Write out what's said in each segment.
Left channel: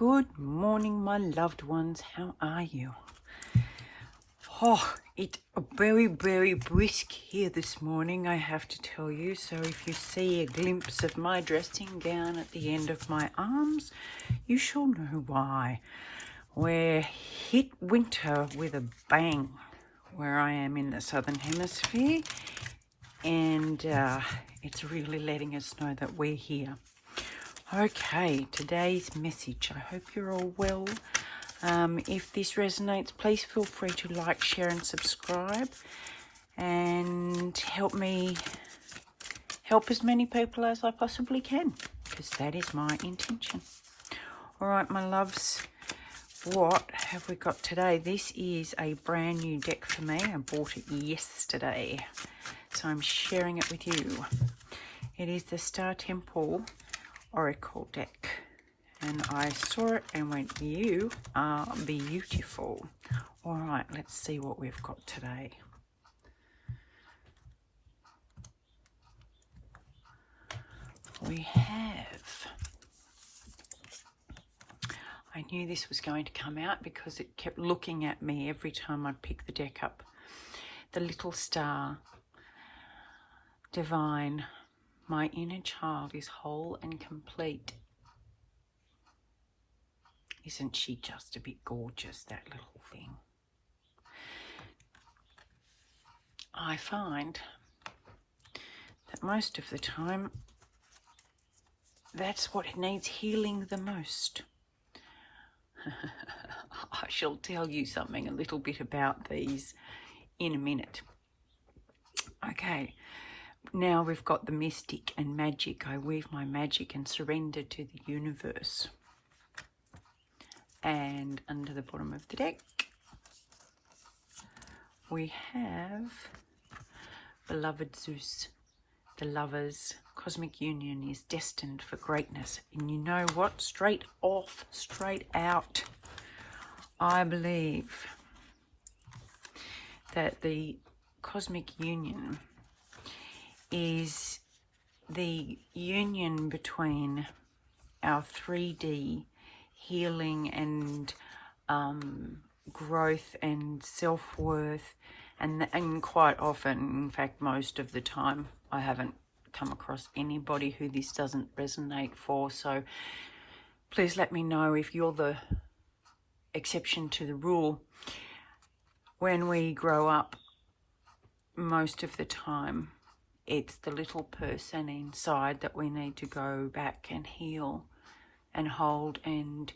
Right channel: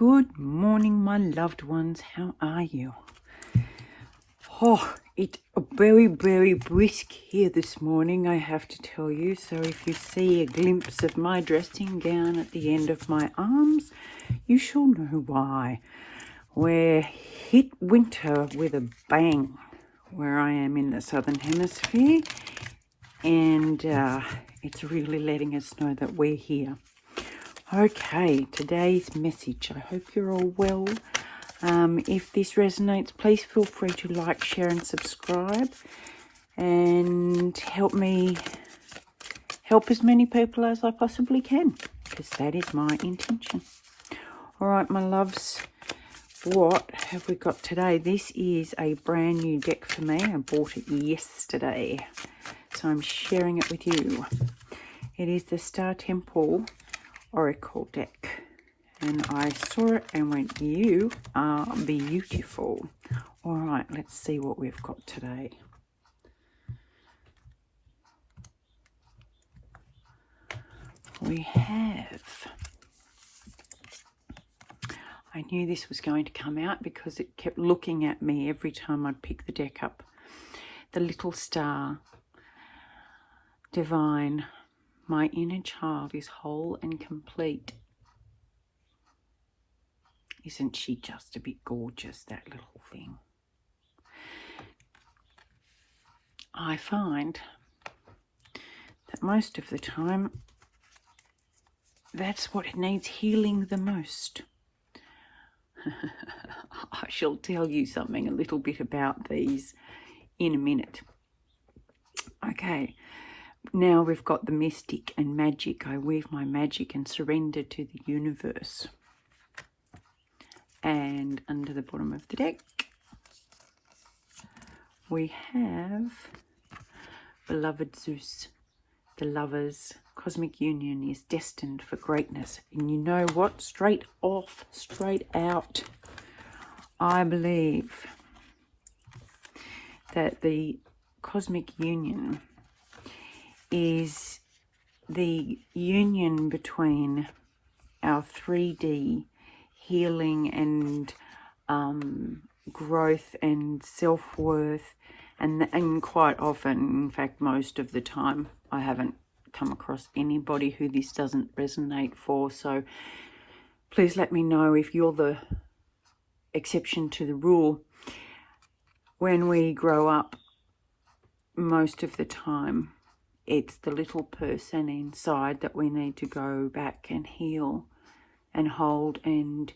Good morning, my loved ones. How are you? Oh, it's very, very brisk here this morning, I have to tell you. So if you see a glimpse of my dressing gown at the end of my arms, you shall know why. We're hit winter with a bang where I am in the southern hemisphere, and it's really letting us know that we're here. Okay, today's message. I hope you're all well. If this resonates, please feel free to like, share and subscribe, and help me help as many people as I possibly can, because that is my intention. All right, my loves, what have we got today? This is a brand new deck for me. I bought it yesterday, so I'm sharing it with you. It is the Star Temple Oracle deck, and I saw it and went, you are beautiful. All right, let's see what we've got today. We have, I knew this was going to come out because it kept looking at me every time I'd pick the deck up. The little star, divine. My inner child is whole and complete. Isn't she just a bit gorgeous, that little thing? I find that most of the time, that's what needs healing the most. I shall tell you something a little bit about these in a minute. Okay. Now we've got the mystic and magic. I weave my magic and surrender to the universe. And under the bottom of the deck, we have beloved Zeus. The lovers' cosmic union is destined for greatness. And you know what? Straight off, straight out, I believe that the cosmic union is the union between our 3D healing and growth and self-worth, and quite often, in fact most of the time, I haven't come across anybody who this doesn't resonate for, so please let me know if you're the exception to the rule. When we grow up, most of the time it's the little person inside that we need to go back and heal and hold and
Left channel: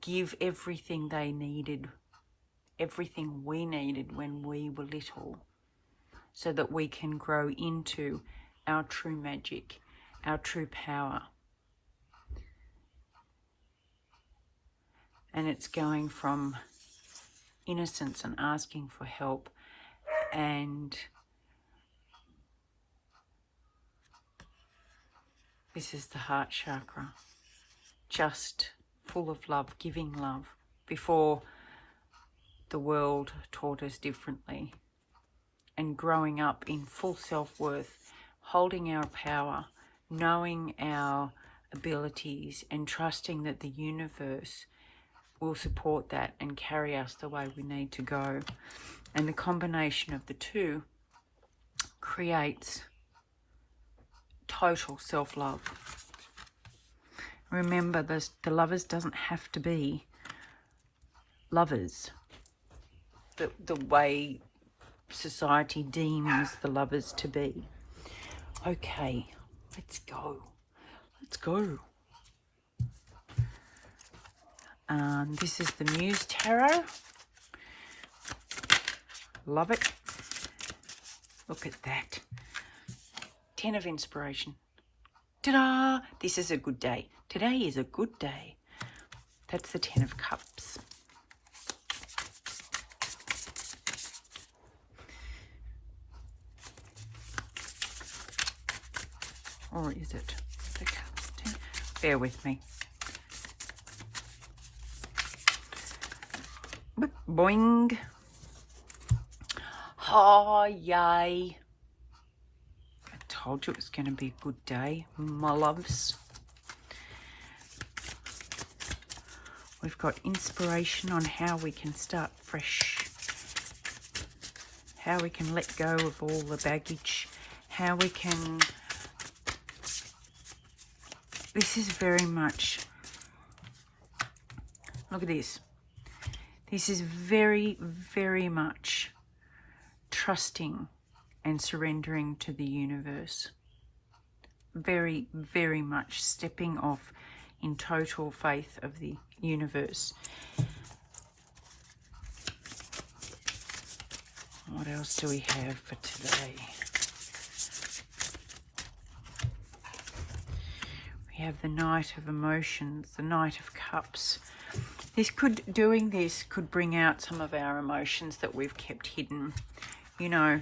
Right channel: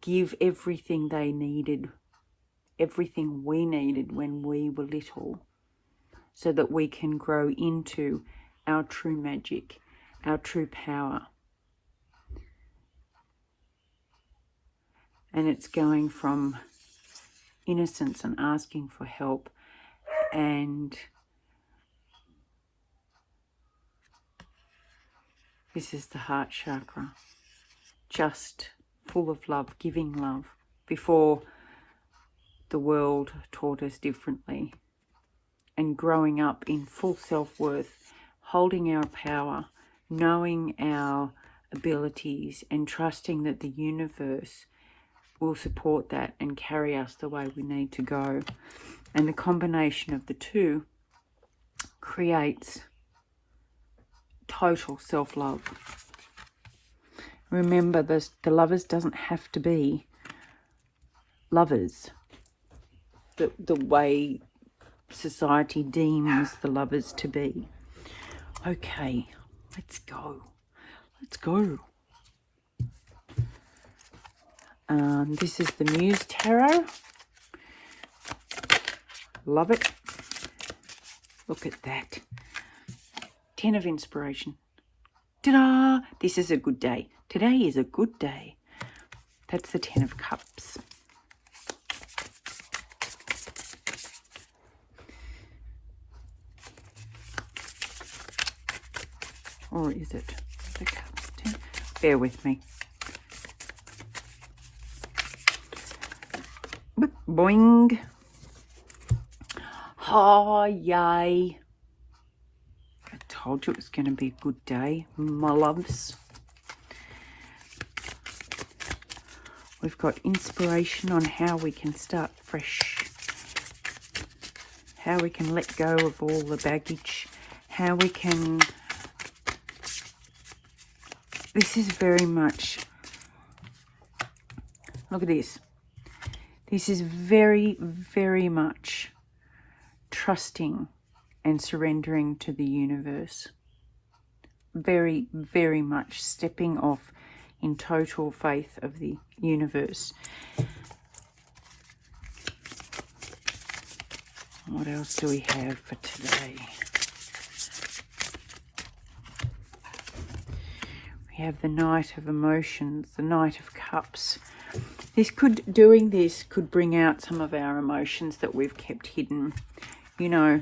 give everything they needed, everything we needed when we were little, so that we can grow into our true magic, our true power. And it's going from innocence and asking for help, and this is the heart chakra, just full of love, giving love, before the world taught us differently. And growing up in full self-worth, holding our power, knowing our abilities, and trusting that the universe will support that and carry us the way we need to go. And the combination of the two creates total self-love. Remember, the lovers doesn't have to be lovers the way society deems the lovers to be. Okay, let's go. Let's go. This is the Muse Tarot. Love it. Look at that. 10 of inspiration. Ta-da! This is a good day. Today is a good day. That's the 10 of cups. Or is it the cups? 10? Bear with me. Boing. Oh, yay. I told you it was going to be a good day, my loves. We've got inspiration on how we can start fresh, how we can let go of all the baggage, how we can... This is very much... Look at this. This is very, very much trusting and surrendering to the universe. Very, very much stepping off in total faith of the universe. What else do we have for today? We have the Knight of Emotions, the Knight of Cups. Doing this could bring out some of our emotions that we've kept hidden. You know,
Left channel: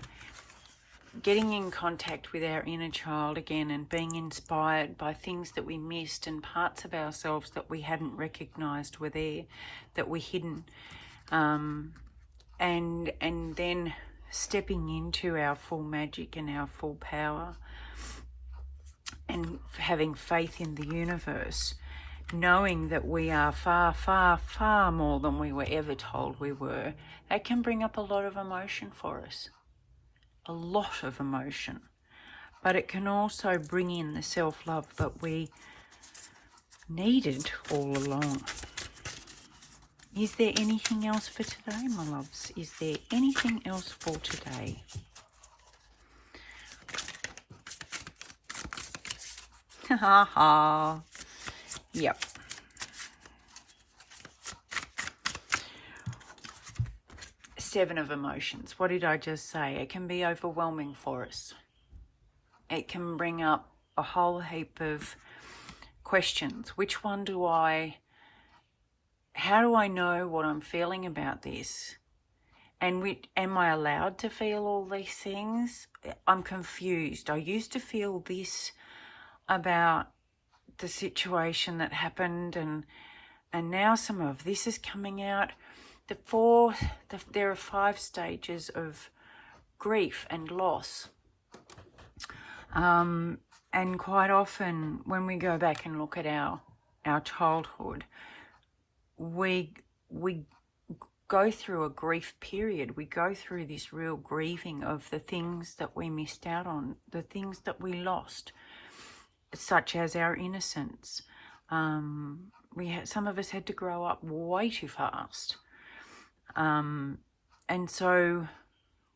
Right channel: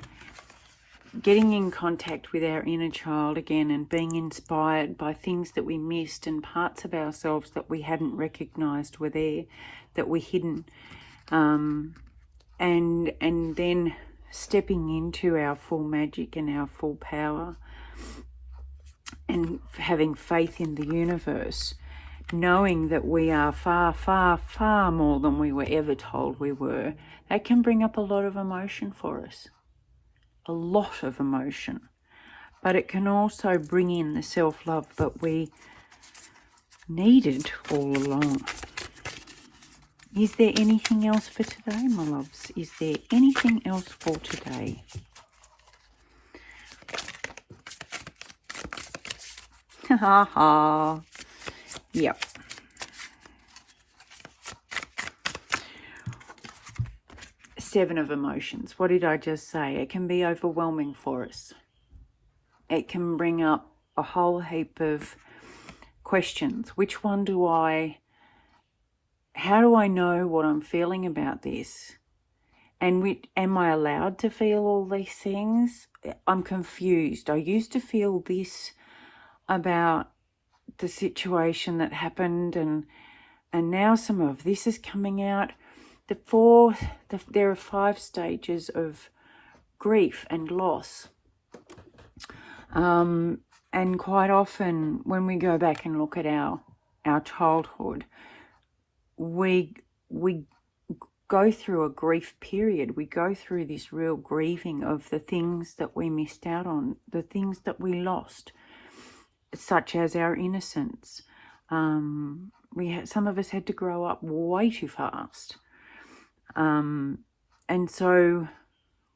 getting in contact with our inner child again and being inspired by things that we missed and parts of ourselves that we hadn't recognized were there, that were hidden. And then stepping into our full magic and our full power and having faith in the universe, knowing that we are far, far, far more than we were ever told we were. That can bring up a lot of emotion for us. A lot of emotion. But it can also bring in the self-love that we needed all along. Is there anything else for today, my loves? Is there anything else for today? Ha ha. Yep. Seven of emotions. What did I just say? It can be overwhelming for us. It can bring up a whole heap of questions. Which one do I... How do I know what I'm feeling about this? And am I allowed to feel all these things? I'm confused. I used to feel this about the situation that happened, and now some of this is coming out. There are 5 stages of grief and loss. And quite often when we go back and look at our childhood, we go through a grief period. We go through this real grieving of the things that we missed out on, the things that we lost, such as our innocence. Some of us had to grow up way too fast. And so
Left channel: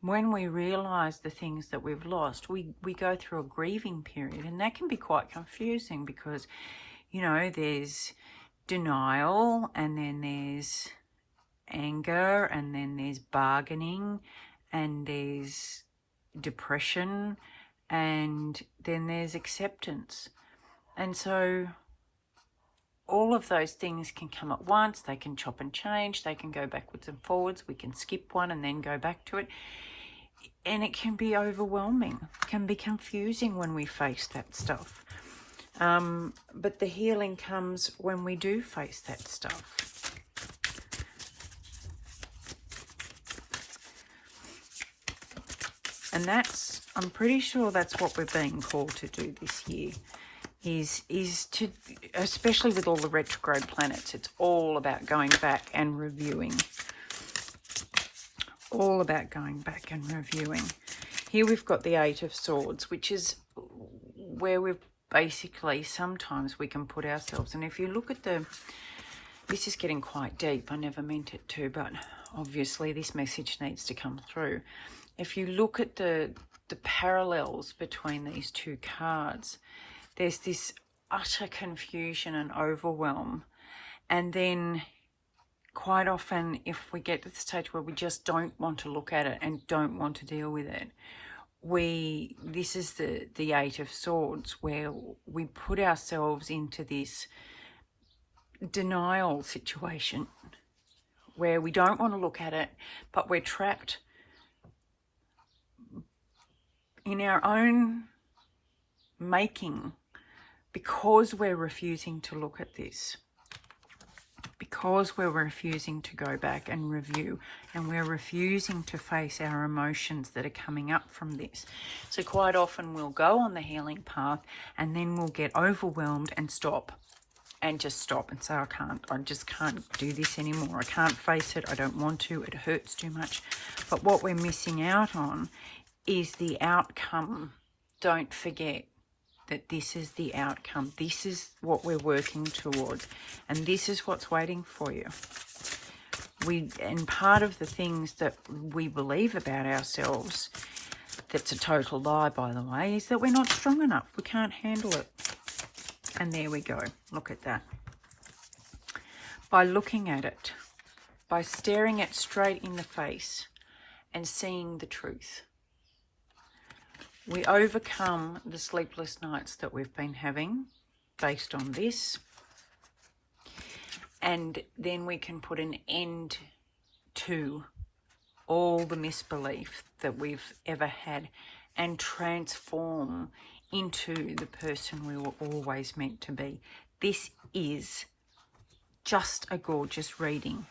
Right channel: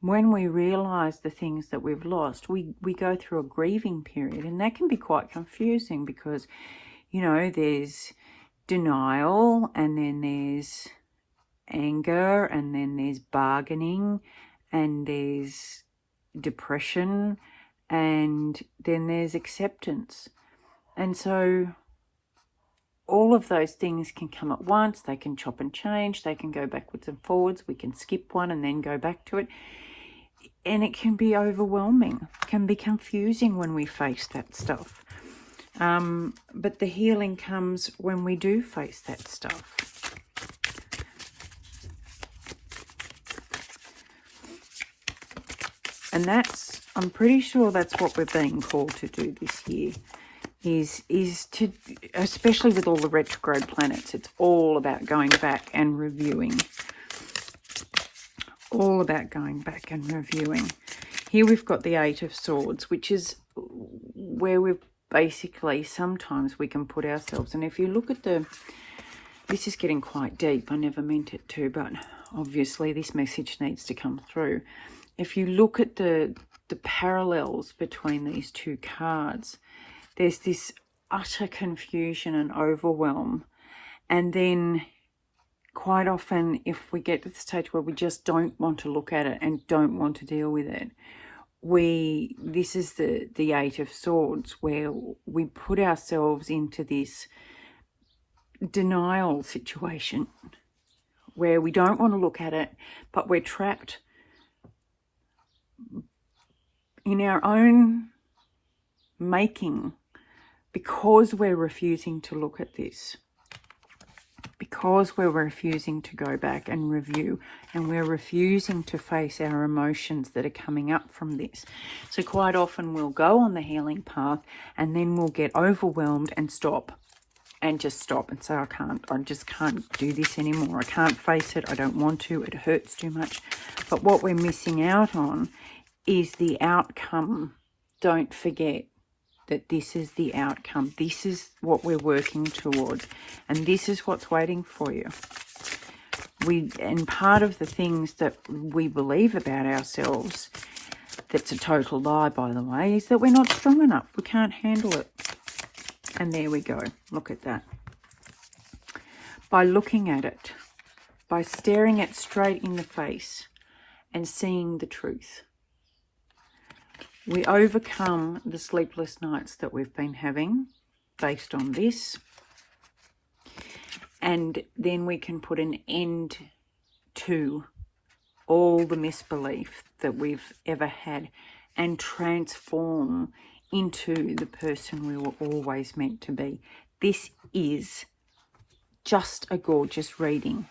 when we realize the things that we've lost, we go through a grieving period, and that can be quite confusing because, you know, there's denial, and then there's anger, and then there's bargaining, and there's depression, and then there's acceptance. And so all of those things can come at once. They can chop and change. They can go backwards and forwards. We can skip one and then go back to it. And it can be overwhelming. It can be confusing when we face that stuff. But the healing comes when we do face that stuff. And I'm pretty sure that's what we're being called to do this year. Is to, especially with all the retrograde planets, it's all about going back and reviewing. All about going back and reviewing. Here we've got the 8 of Swords, which is where we've basically, sometimes we can put ourselves, and if you look at this is getting quite deep. I never meant it to, but obviously this message needs to come through. If you look at the parallels between these 2 cards, there's this utter confusion and overwhelm. And then quite often, if we get to the stage where we just don't want to look at it and don't want to deal with it, this is the 8 of Swords, where we put ourselves into this denial situation where we don't want to look at it, but we're trapped in our own making because we're refusing to look at this, because we're refusing to go back and review, and we're refusing to face our emotions that are coming up from this. So quite often we'll go on the healing path and then we'll get overwhelmed and stop. and just stop and say, I just can't do this anymore. I can't face it. I don't want to. It hurts too much. But what we're missing out on is the outcome. Don't forget that this is the outcome. This is what we're working toward. And this is what's waiting for you. And part of the things that we believe about ourselves, that's a total lie, by the way, is that we're not strong enough. We can't handle it. And there we go. Look at that. By looking at it, by staring it straight in the face and seeing the truth, we overcome the sleepless nights that we've been having based on this. And then we can put an end to all the misbelief that we've ever had and transform into the person we were always meant to be. This is just a gorgeous reading.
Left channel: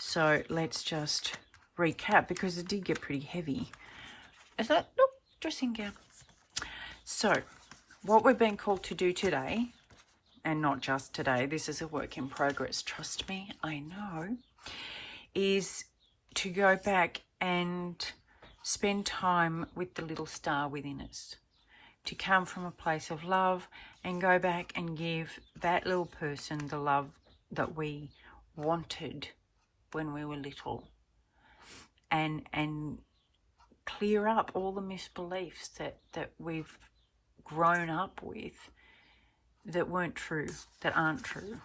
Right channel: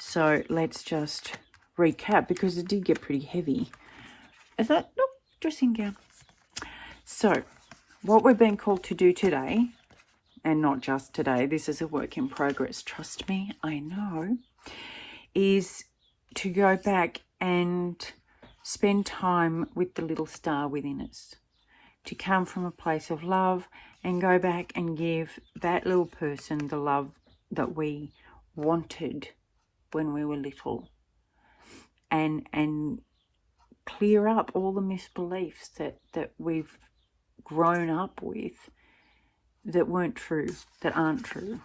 So let's just recap, because it did get pretty heavy. Is that? Nope, dressing gown. So what we've been called to do today, and not just today, this is a work in progress, trust me, I know, is to go back and spend time with the little star within us, to come from a place of love and go back and give that little person the love that we wanted when we were little, and clear up all the misbeliefs that we've grown up with that weren't true, that aren't true.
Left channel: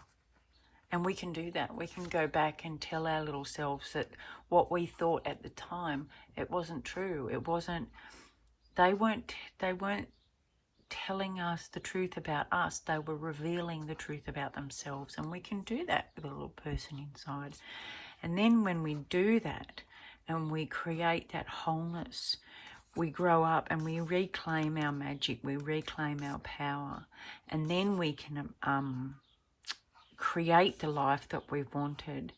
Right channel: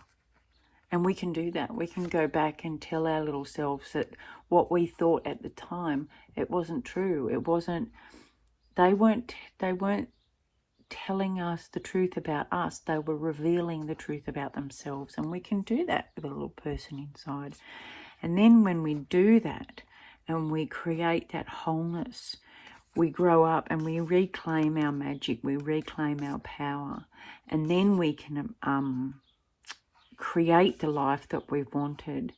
And we can do that. We can go back and tell our little selves that what we thought at the time, it wasn't true. It wasn't, they weren't telling us the truth about us. They were revealing the truth about themselves. And we can do that with a little person inside. And then when we do that and we create that wholeness, we grow up and we reclaim our magic, we reclaim our power. And then we can create the life that we've wanted.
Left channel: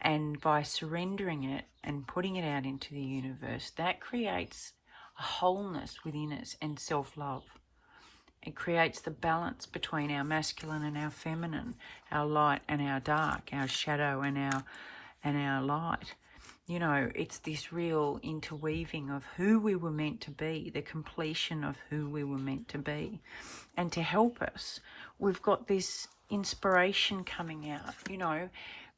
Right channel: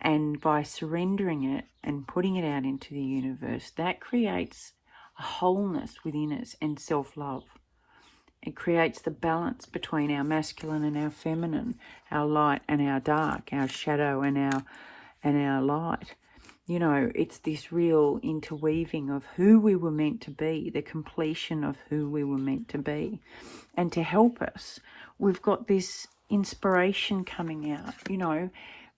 And by surrendering it and putting it out into the universe, that creates a wholeness within us and self-love. It creates the balance between our masculine and our feminine, our light and our dark, our shadow and our light. You know, it's this real interweaving of who we were meant to be, the completion of who we were meant to be. And to help us, we've got this inspiration coming out. You know,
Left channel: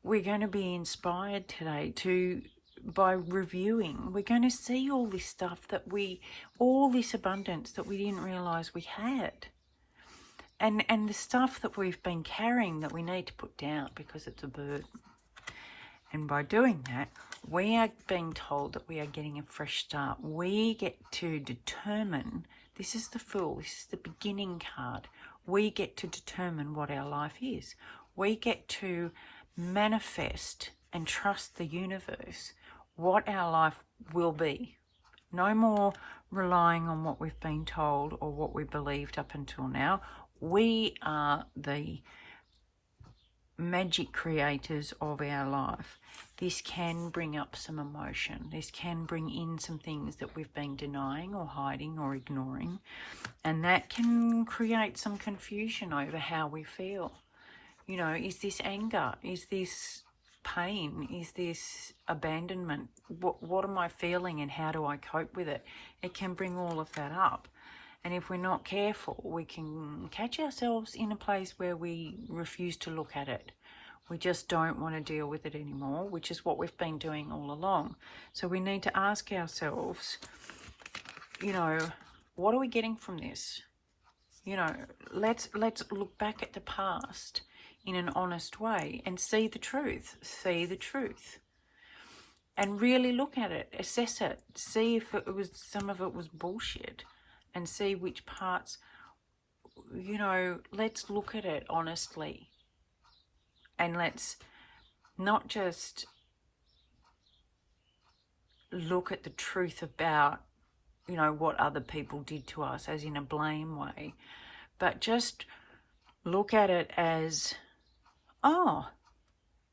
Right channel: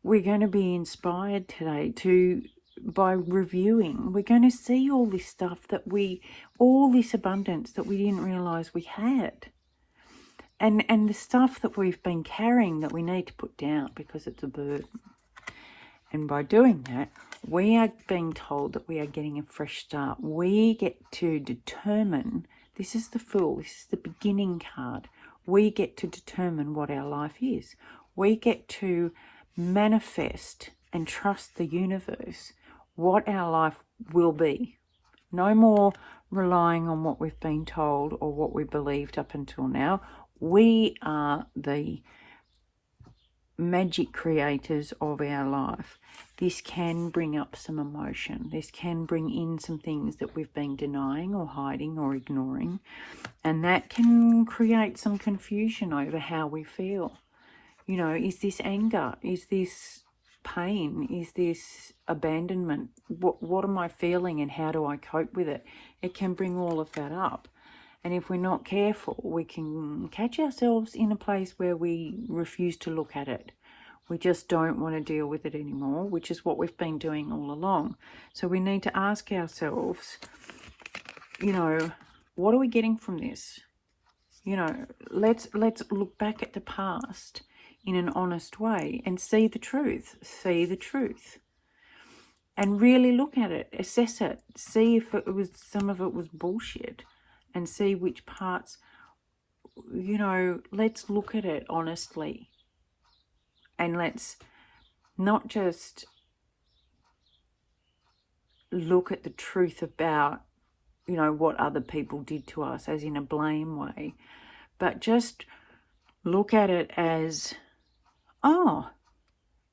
we're going to be inspired today by reviewing. We're going to see all this stuff all this abundance that we didn't realize we had. And the stuff that we've been carrying that we need to put down because it's a burden. And by doing that, we are being told that we are getting a fresh start. We get to determine, this is the Fool, this is the beginning card. We get to determine what our life is. We get to manifest and trust the universe what our life will be. No more relying on what we've been told or what we believed up until now. We are the magic creators of our life. This can bring up some emotion. This can bring in some things that we've been denying or hiding or ignoring. And that can create some confusion over how we feel. You know, is this anger? Is this pain? Is this abandonment? What am I feeling and how do I cope with it? It can bring all of that up. And if we're not careful, we can catch ourselves in a place where we refuse to look at it. We just don't want to deal with it anymore, which is what we've been doing all along. So we need to ask ourselves, you know, what are we getting from this? You know, let's look back at the past in an honest way and see the truth. And really look at it, assess it, see if some of it was bullshit, and see which parts, you know, let's look at it honestly. And let's not just look at the truth about, you know, what other people did to us, as in a blame way, but just look at it as, oh,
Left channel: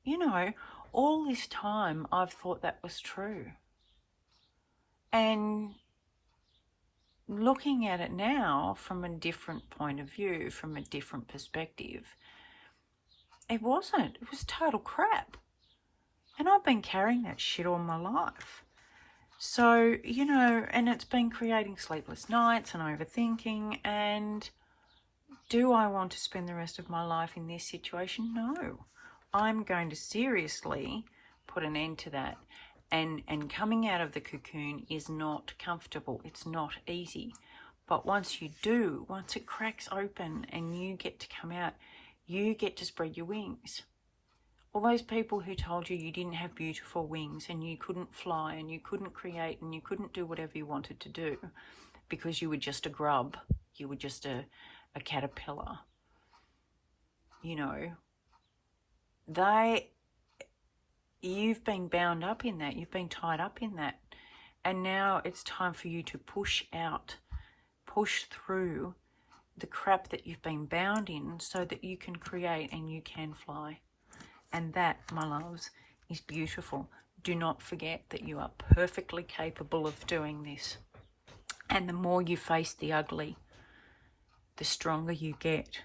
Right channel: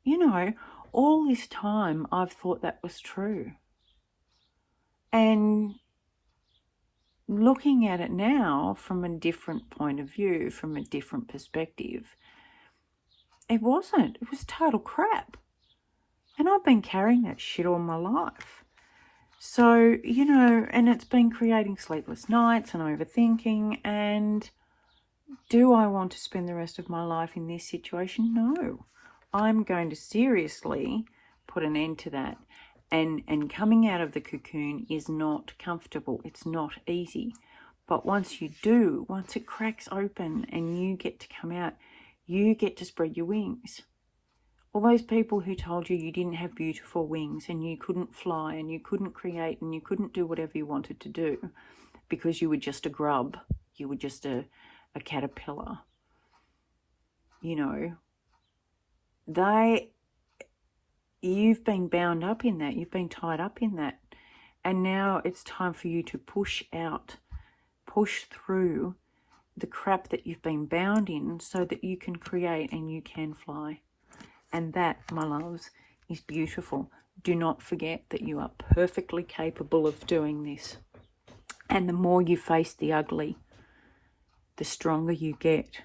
you know, all this time I've thought that was true. And looking at it now from a different point of view, from a different perspective, it wasn't. It was total crap. And I've been carrying that shit all my life. So, you know, and it's been creating sleepless nights and overthinking. And do I want to spend the rest of my life in this situation? No. I'm going to seriously put an end to that. And coming out of the cocoon is not comfortable. It's not easy. But once you do, once it cracks open and you get to come out, you get to spread your wings. All those people who told you you didn't have beautiful wings and you couldn't fly and you couldn't create and you couldn't do whatever you wanted to do because you were just a grub, you were just a caterpillar, you know, you've been bound up in that, you've been tied up in that, and now it's time for you to push out, push through the crap that you've been bound in so that you can create and you can fly. And that, my loves, is beautiful. Do not forget that you are perfectly capable of doing this. And the more you face the ugly, the stronger you get.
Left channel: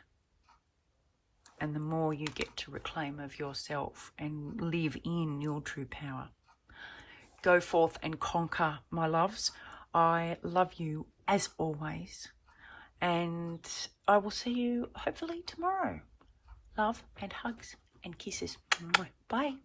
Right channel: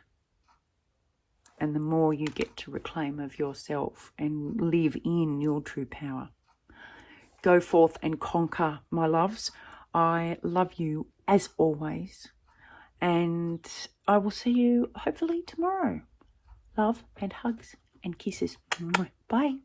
And the more you get to reclaim of yourself and live in your true power. Go forth and conquer, my loves. I love you as always. And I will see you hopefully tomorrow. Love and hugs and kisses. Bye.